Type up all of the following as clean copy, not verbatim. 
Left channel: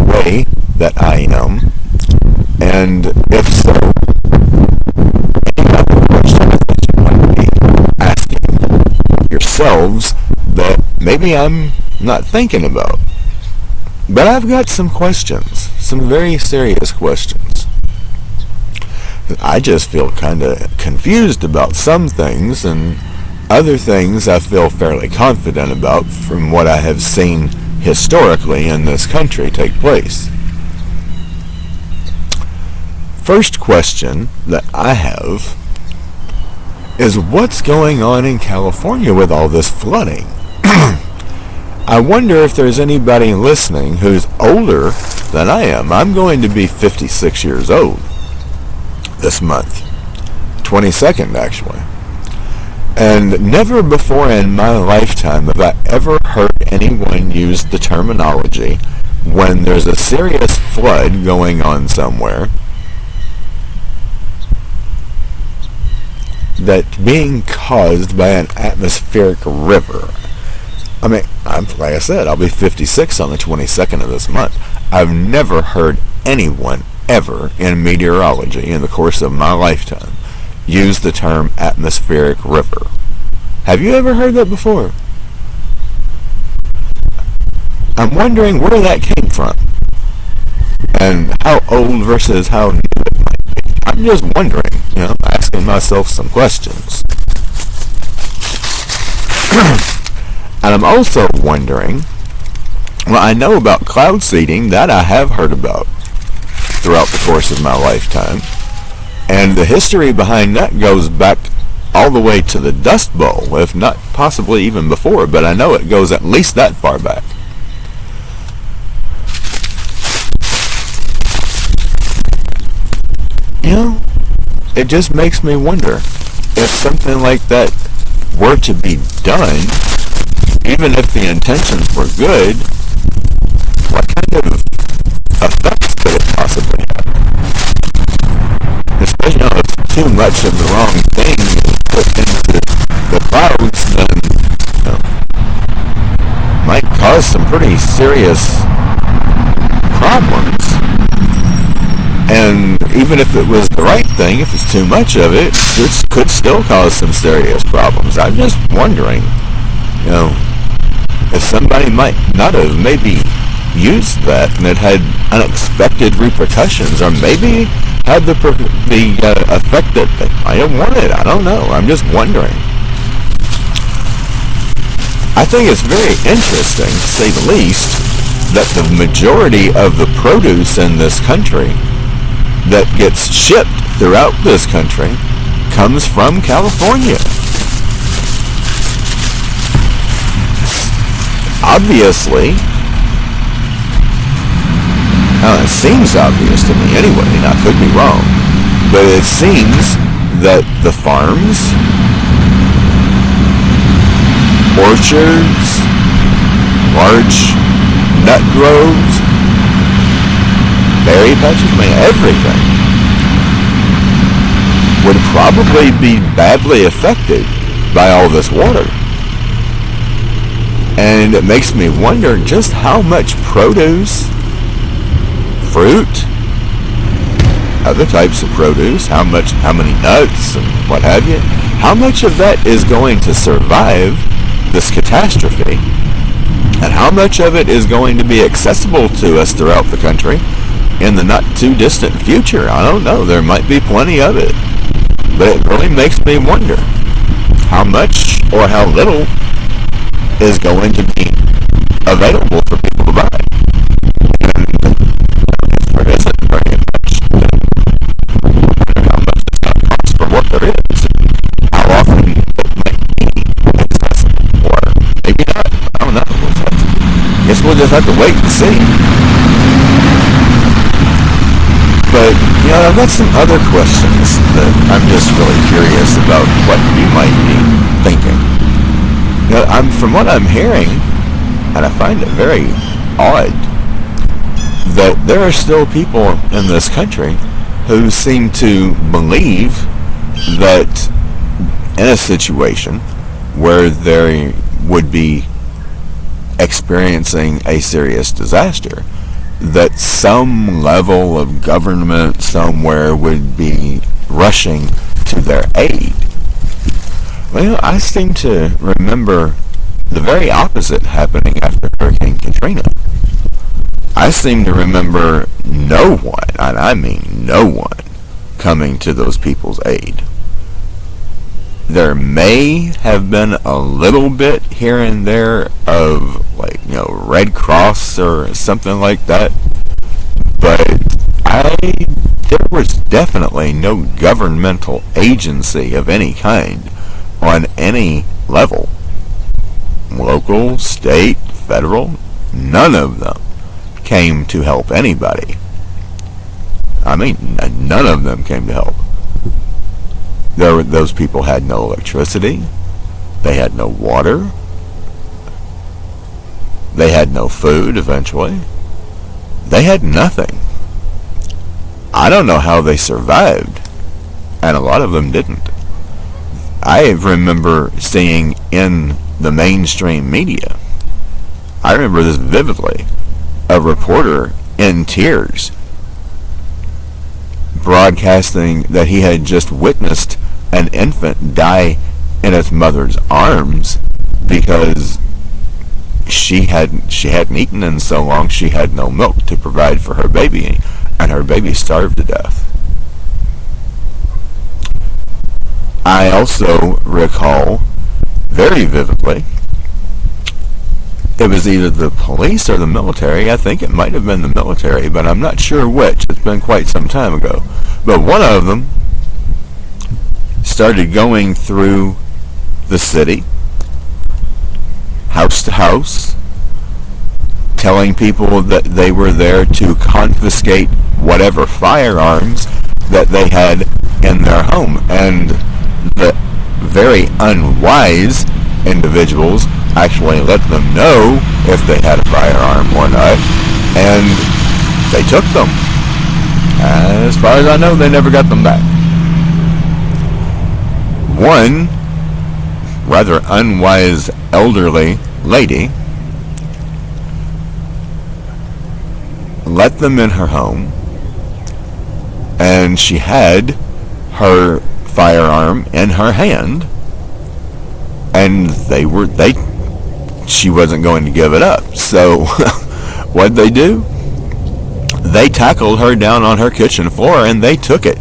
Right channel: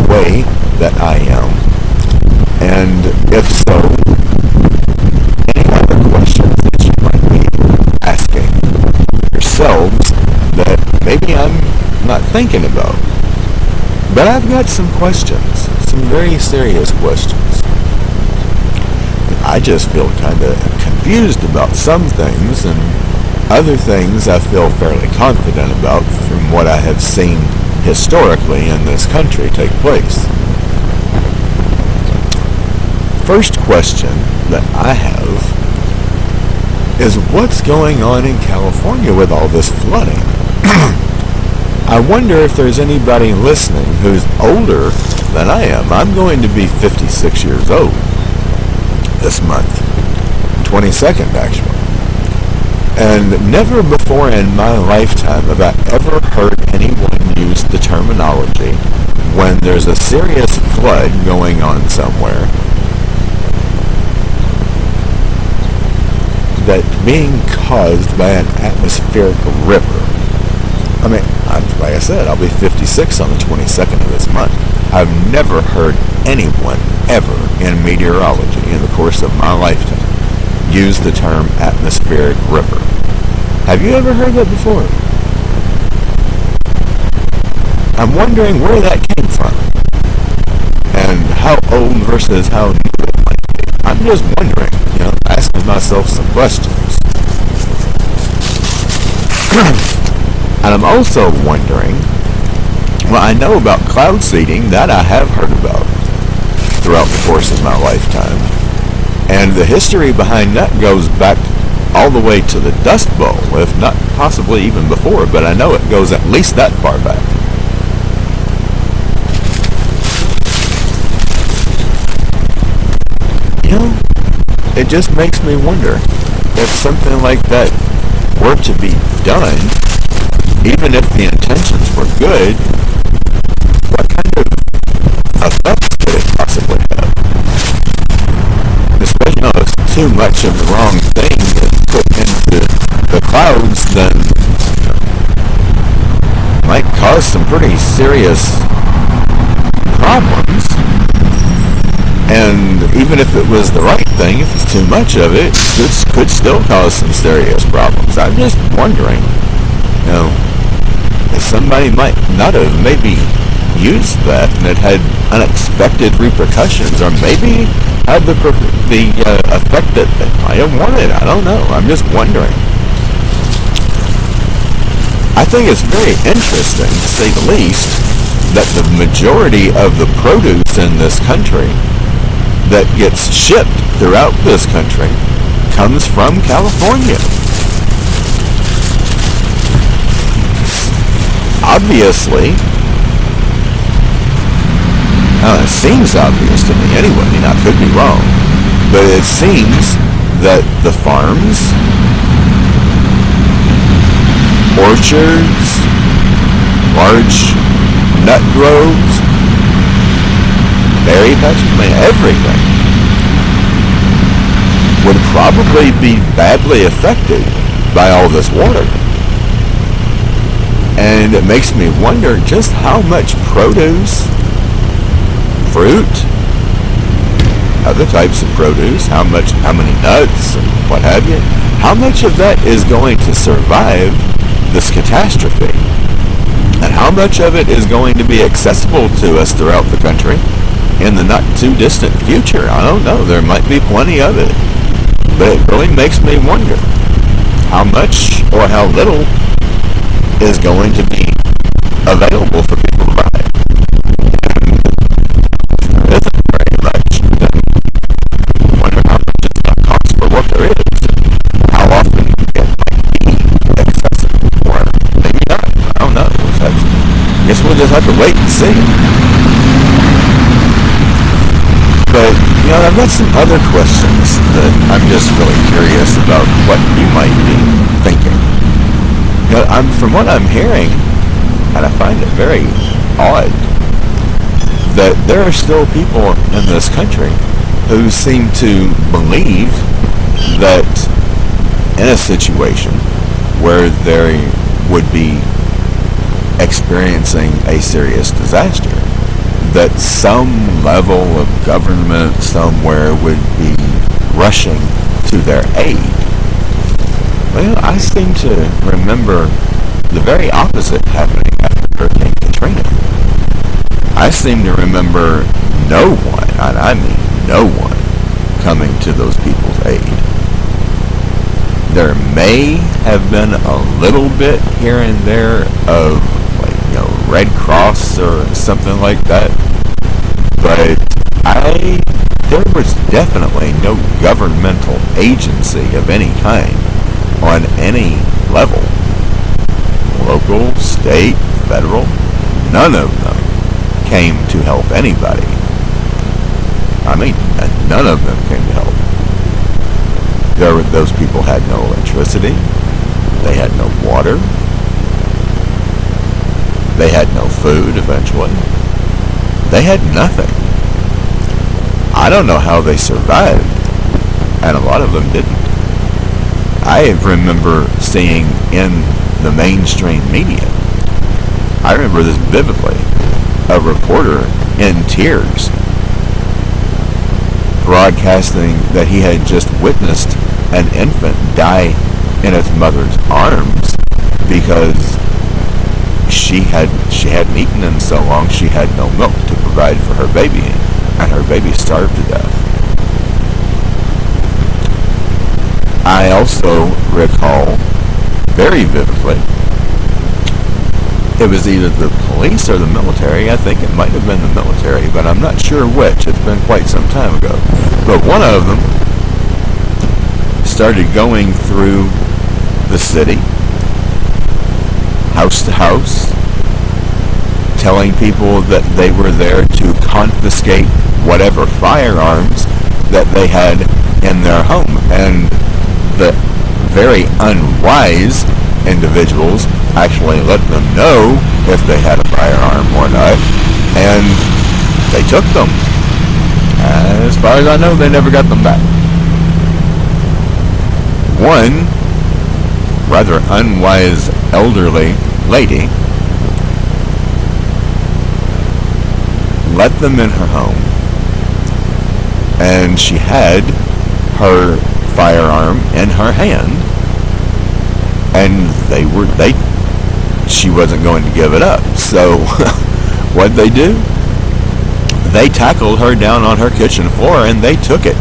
the way that I am? And if so, any other questions that you might be asking yourselves that maybe I'm not thinking about. But I've got some questions, some very serious questions. I just feel kind of confused about some things, and other things I feel fairly confident about from what I have seen historically in this country take place. First question that I have is, what's going on in California with all this flooding? I wonder if there's anybody listening who's older than I am. I'm going to be 56 years old this month, 22nd actually. And never before in my lifetime have I ever heard anyone use the terminology when there's a serious flood going on somewhere that's being caused by an atmospheric river. I mean, like I said, I'll be 56 on the 22nd of this month. I've never heard anyone ever in meteorology in the course of my lifetime use the term atmospheric river. Have you ever heard that before? I'm wondering where that came from and how old versus how new it might be. I'm just wondering, asking myself some questions. And I'm also wondering, I know about cloud seeding, that I have heard about throughout the course of my lifetime. And the history behind that goes back all the way to the Dust Bowl, if not possibly even before, but I know it goes at least that far back. It just makes me wonder if something like that were to be done, even if the intentions were good, what kind of effects could it possibly have? Especially if too much of the wrong thing is put into the clouds, then might cause some pretty serious problems. And even if it was the right thing, if it's too much of it, it could still cause some serious problems. I'm just wondering, if somebody might not have maybe used that and it had unexpected repercussions, or maybe had the effect that they might have wanted. I don't know. I'm just wondering. I think it's very interesting, to say the least, that the majority of the produce in this country that gets shipped throughout this country comes from California. Obviously, it seems obvious to me anyway, and I could be wrong, but it seems that the farms, orchards, large nut groves, berry patches, everything would probably be badly affected by all this water. And it makes me wonder just how much produce, fruit, other types of produce, how many nuts and what have you, how much of that is going to survive this catastrophe, and how much of it is going to be accessible to us throughout the country in the not too distant future. I don't know. There might be plenty of it, but it really makes me wonder how much or how little is going to be available for people to buy. And if there isn't very much, then I wonder how much it's going to cost for what there is, and how often it might be accessible, or maybe not. I don't know. I guess we'll just have to wait and see. But, I've got some other questions that I'm just really curious about what you might be thinking. From what I'm hearing, and I find it very odd, that there are still people in this country who seem to believe that in a situation where they would be experiencing a serious disaster, that some level of government somewhere would be rushing to their aid. Well, I seem to remember the very opposite happening after Hurricane Katrina. I seem to remember no one, and I mean no one, coming to those people's aid. There may have been a little bit here and there of, Red Cross or something like that, but there was definitely no governmental agency of any kind on any level. Local, state, federal, none of them came to help anybody. I mean, none of them came to help. Those people had no electricity. They had no water. They had no food eventually. They had nothing. I don't know how they survived, and a lot of them didn't. I remember seeing in the mainstream media, I remember this vividly, a reporter in tears broadcasting that he had just witnessed an infant die in its mother's arms because she hadn't eaten in so long she had no milk to provide for her baby, and her baby starved to death. I also recall very vividly, it was either the police or the military. I think it might have been the military, but I'm not sure which. It's been quite some time ago. But one of them started going through the city, house to house, telling people that they were there to confiscate whatever firearms that they had in their home. And the very unwise individuals actually let them know if they had a firearm or not, and they took them. As far as I know, they never got them back. One rather unwise elderly lady let them in her home, and she had her firearm in her hand, and she wasn't going to give it up. So what'd they do? They tackled her down on her kitchen floor and they took it.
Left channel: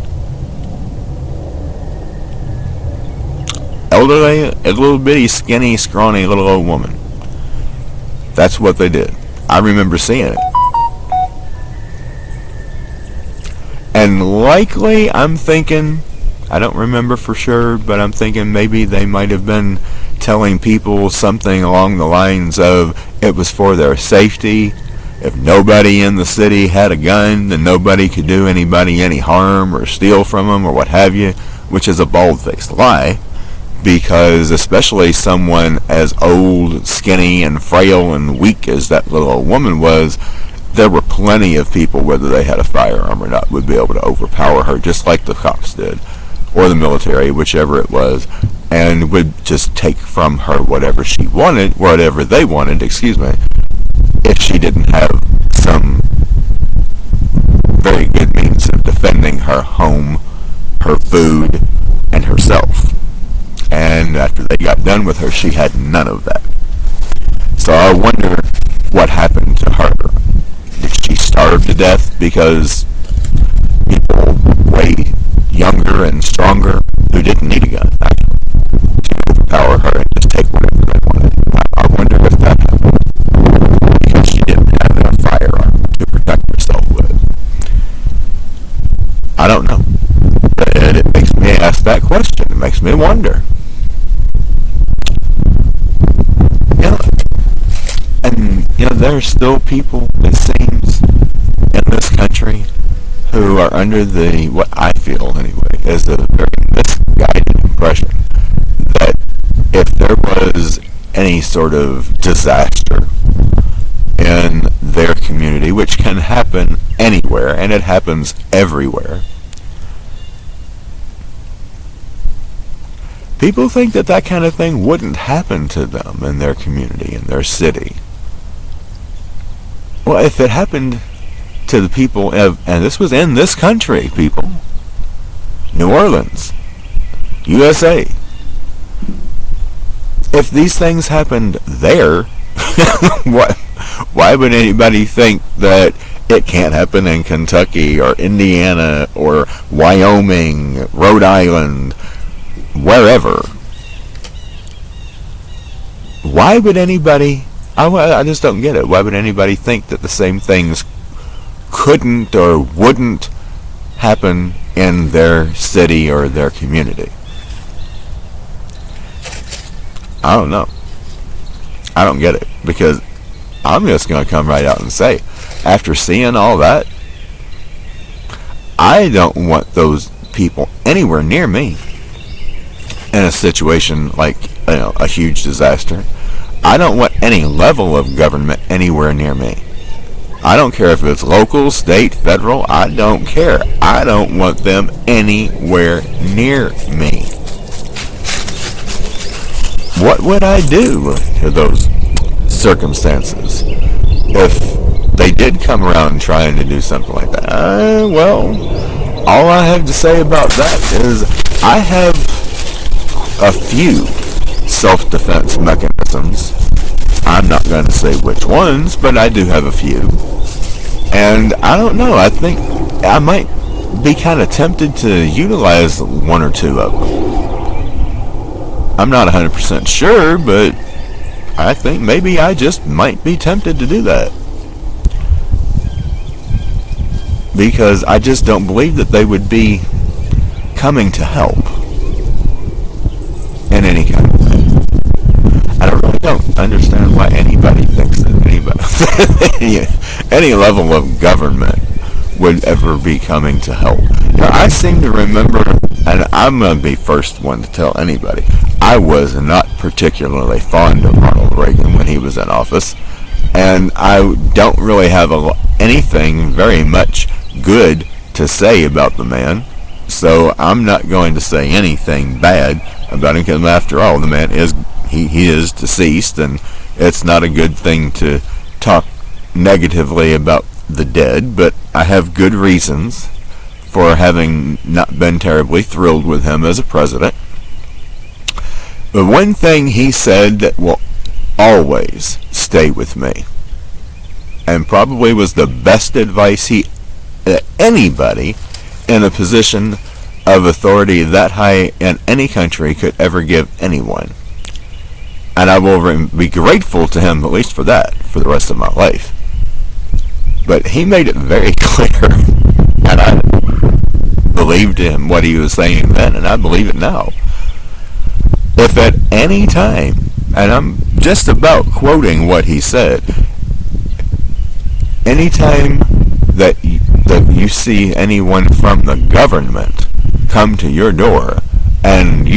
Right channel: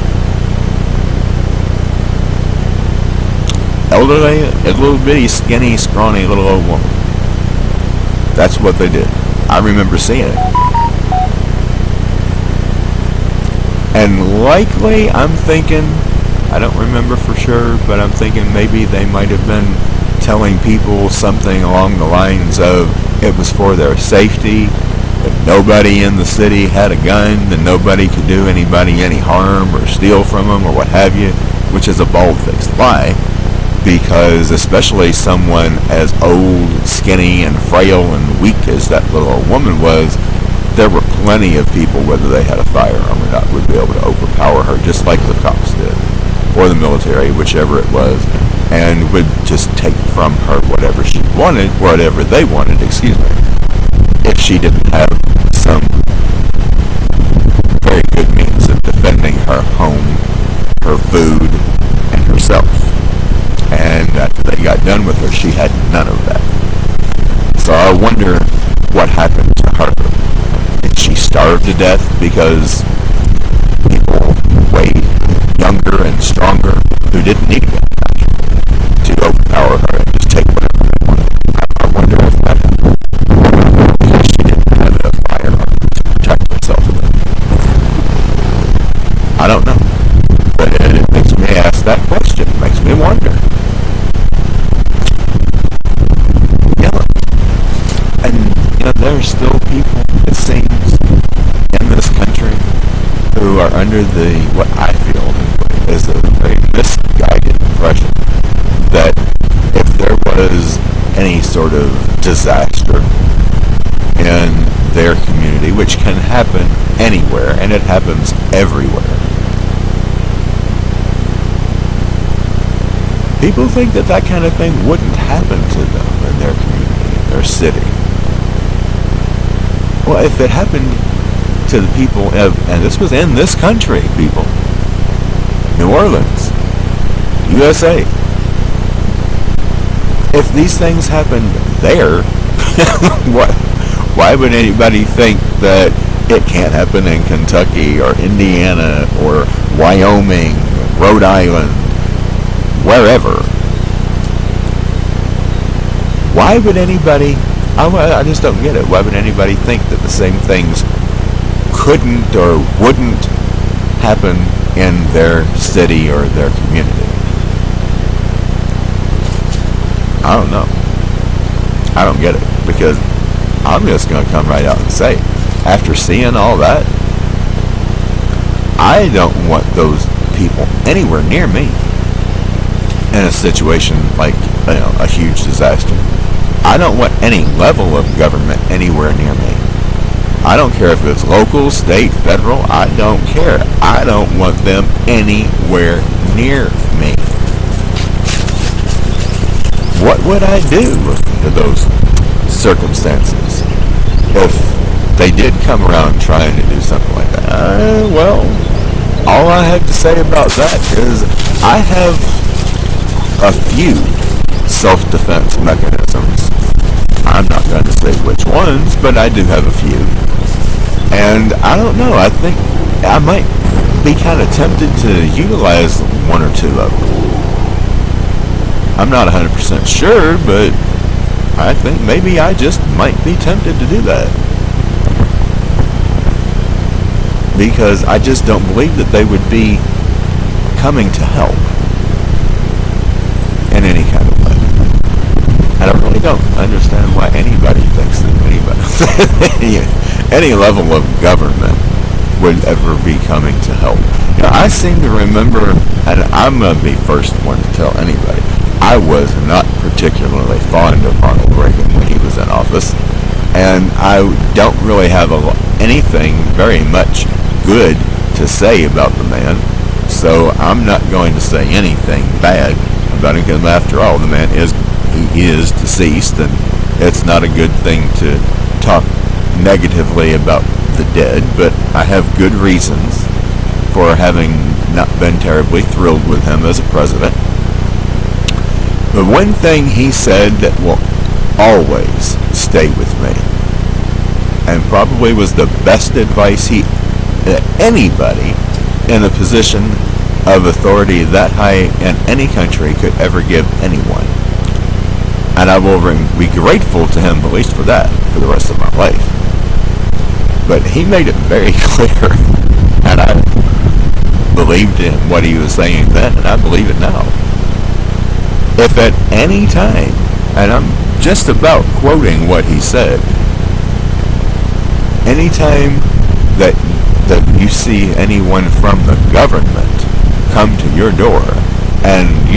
Elderly, a little bitty, skinny, scrawny little old woman. That's what they did. I remember seeing it. And likely, I'm thinking, I don't remember for sure, but I'm thinking maybe they might have been telling people something along the lines of it was for their safety. If nobody in the city had a gun, then nobody could do anybody any harm or steal from them or what have you, which is a bald-faced lie, because especially someone as old, skinny, and frail and weak as that little old woman was, there were plenty of people, whether they had a firearm or not, would be able to overpower her, just like the cops did, or the military, whichever it was, and would just take from her whatever she wanted, whatever they wanted, if she didn't have some very good means of defending her home, her food, and herself. And after they got done with her, she had none of that. So I wonder what happened to her. Did she starve to death because people way younger and stronger who didn't need a gun, actually, to overpower her and just take whatever they wanted? I wonder if that happened. Because she didn't have a firearm to protect herself with. I don't know. But it makes me ask that question. It makes me wonder. There are still people, it seems, in this country who are under what I feel anyway, is a very misguided impression that if there was any sort of disaster in their community, which can happen anywhere, and it happens everywhere, people think that kind of thing wouldn't happen to them in their community, in their city. Well, if it happened to the people of, and this was in this country, people, New Orleans, USA. If these things happened there, why would anybody think that it can't happen in Kentucky or Indiana or Wyoming, Rhode Island, wherever? Why would anybody, I just don't get it. Why would anybody think that the same things couldn't or wouldn't happen in their city or their community? I don't know. I don't get it, because I'm just going to come right out and say, after seeing all that, I don't want those people anywhere near me in a situation like, a huge disaster. I don't want any level of government anywhere near me. I don't care if it's local, state, federal. I don't care. I don't want them anywhere near me. What would I do in those circumstances if they did come around trying to do something like that? Well, all I have to say about that is I have a few self-defense mechanisms. I'm not going to say which ones, but I do have a few. And I don't know, I think I might be kind of tempted to utilize one or two of them. I'm not 100% sure, but I think maybe I just might be tempted to do that. Because I just don't believe that they would be coming to help in any kind of way. I really don't understand why anybody thinks that any level of government would ever be coming to help. I seem to remember, and I'm going to be first one to tell anybody, I was not particularly fond of Ronald Reagan when he was in office, and I don't really have anything very much good to say about the man, so I'm not going to say anything bad about him, because after all, the man is he is deceased, and it's not a good thing to talk negatively about the dead, but I have good reasons for having not been terribly thrilled with him as a president. But one thing he said that will always stay with me, and probably was the best advice that anybody in a position of authority that high in any country could ever give anyone. And I will be grateful to him, at least for that, for the rest of my life. But he made it very clear, and I believed in what he was saying then, and I believe it now. If at any time, and I'm just about quoting what he said, any time that you see anyone from the government come to your door, and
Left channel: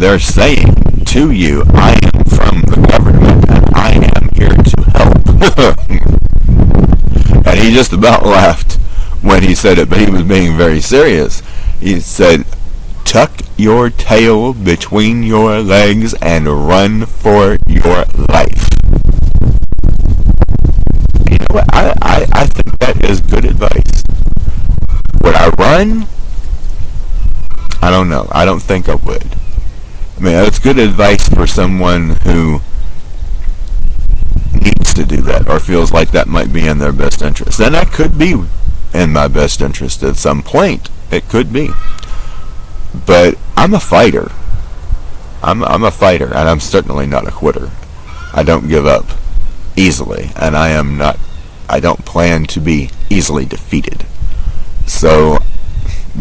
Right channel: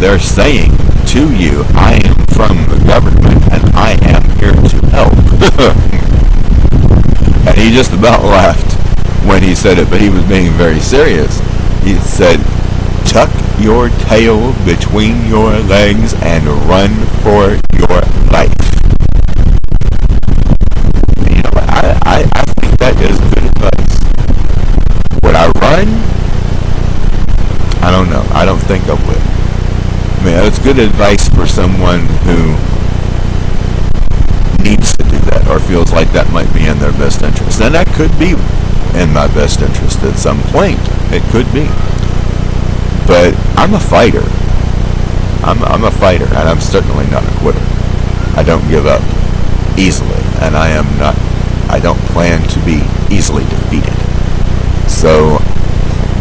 they're saying to you, I am from the government and I am here to help. And he just about laughed when he said it, but he was being very serious. He said, tuck your tail between your legs and run for your life. And you know what? I think that is good advice. Would I run? I don't know. I don't think I would. I mean, it's good advice for someone who needs to do that or feels like that might be in their best interest. And that could be in my best interest at some point. It could be. But I'm a fighter. I'm a fighter, and I'm certainly not a quitter. I don't give up easily, and I don't plan to be easily defeated. So,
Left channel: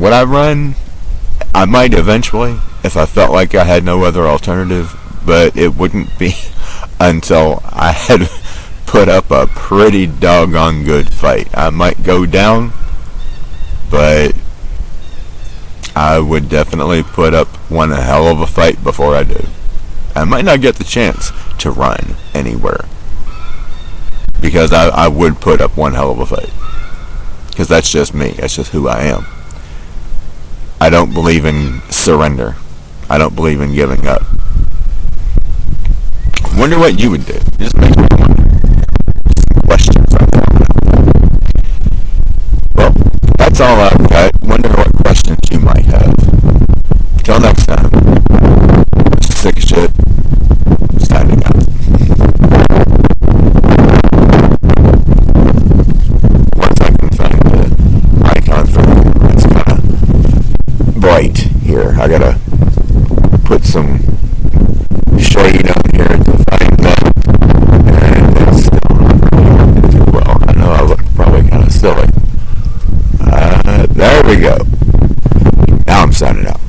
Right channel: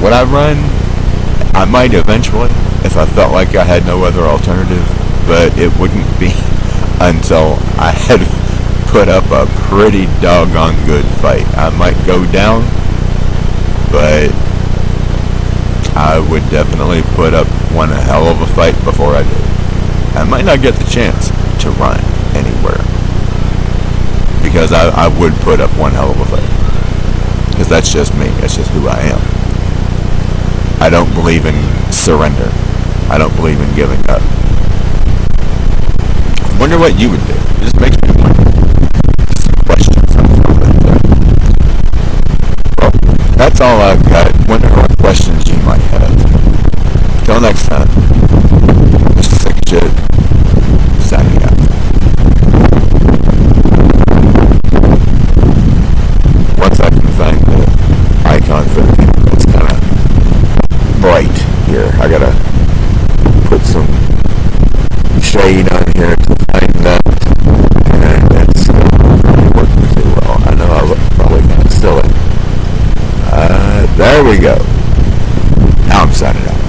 would I run? I might eventually, if I felt like I had no other alternative, but it wouldn't be until I had put up a pretty doggone good fight. I might go down, but I would definitely put up one hell of a fight before I do. I might not get the chance to run anywhere, because I would put up one hell of a fight. Because that's just me. That's just who I am. I don't believe in surrender. I don't believe in giving up. I wonder what you would do. It just makes me wonder. Some questions I'm throwing out there. That's all I've got. Wonder what questions you might have. Till next time, Mr. Sick Shit, signing out. Once I can find the icon for the camera, it's kind of bright here. I gotta put some shade on here to find that, and it's still not really working too well. I know I look probably kind of silly. There we go. Now I'm signing out.